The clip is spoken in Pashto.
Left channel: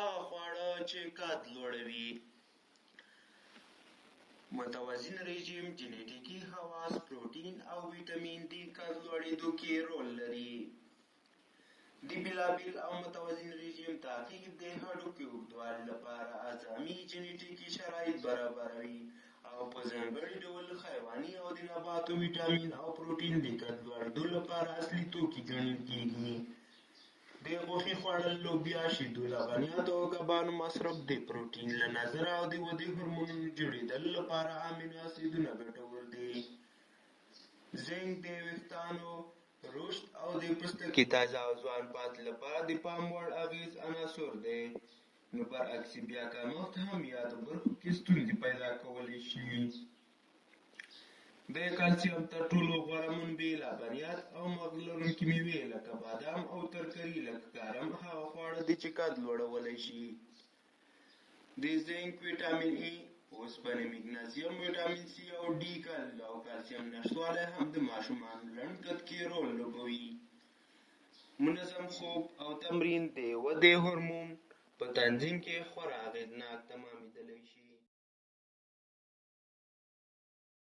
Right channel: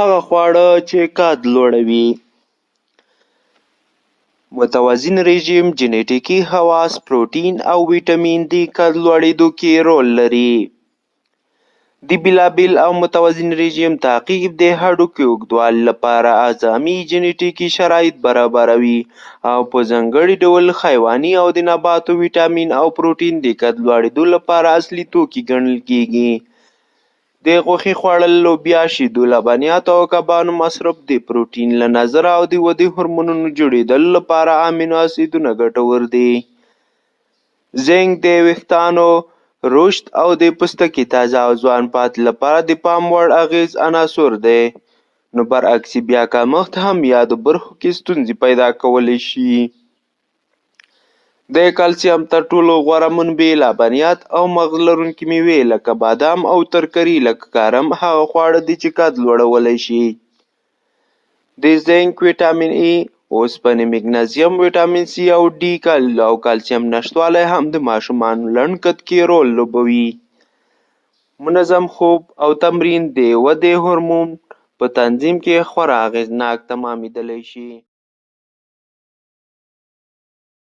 هغه خواړه چې قد لوړوي. متوازن رژیم جنیټیکي خواص پروټین او ویټامین دی قد لوړېدو کې رول لري. د بېلابېل او متوازن رژیم تعقیب د هډوکو اوږدوالي لپاره اعظمي جنیټیکي شرایط برابروي او په ځانګړي ډول حیواني او د نباتو ویټامین او پروټین د قد لوړېدو لپاره اصلي توکي ګڼل کېږي. د غوښې خوړل، لوبیا، شیدو، لبنیاتو او کبانو مصرف د پروټین له نظره او د ودې هورمونونو جوړېدلو لپاره امینو اسیدونه ګټور دي. زنک د ویښتانو رشد او د پوستکي تازه او ځوان پاتې لپاره د پام وړ اغیز عنصر دی. نو برعکس بیا کمښت هم یادو برخو کې ستونزې پیدا کولی شي. د کلسیم تر ټولو غوره منبع لبنیات او مغز لرونکي میوې لکه بادام او ترکاري لکه کرم هغه خواړه دي چې قد لوړولی شي. د زنک، ویټامین ای، اوسپنې، مګنیزیم، ویټامین سی او ډي او کلسیم نشتوالی هم د ماشومانو لنډ قد کې رول لوبوي. منظم خوب او تمرین د ودې هورمون په تنظیم کې خورا اغیزناک تمامیدلی شي.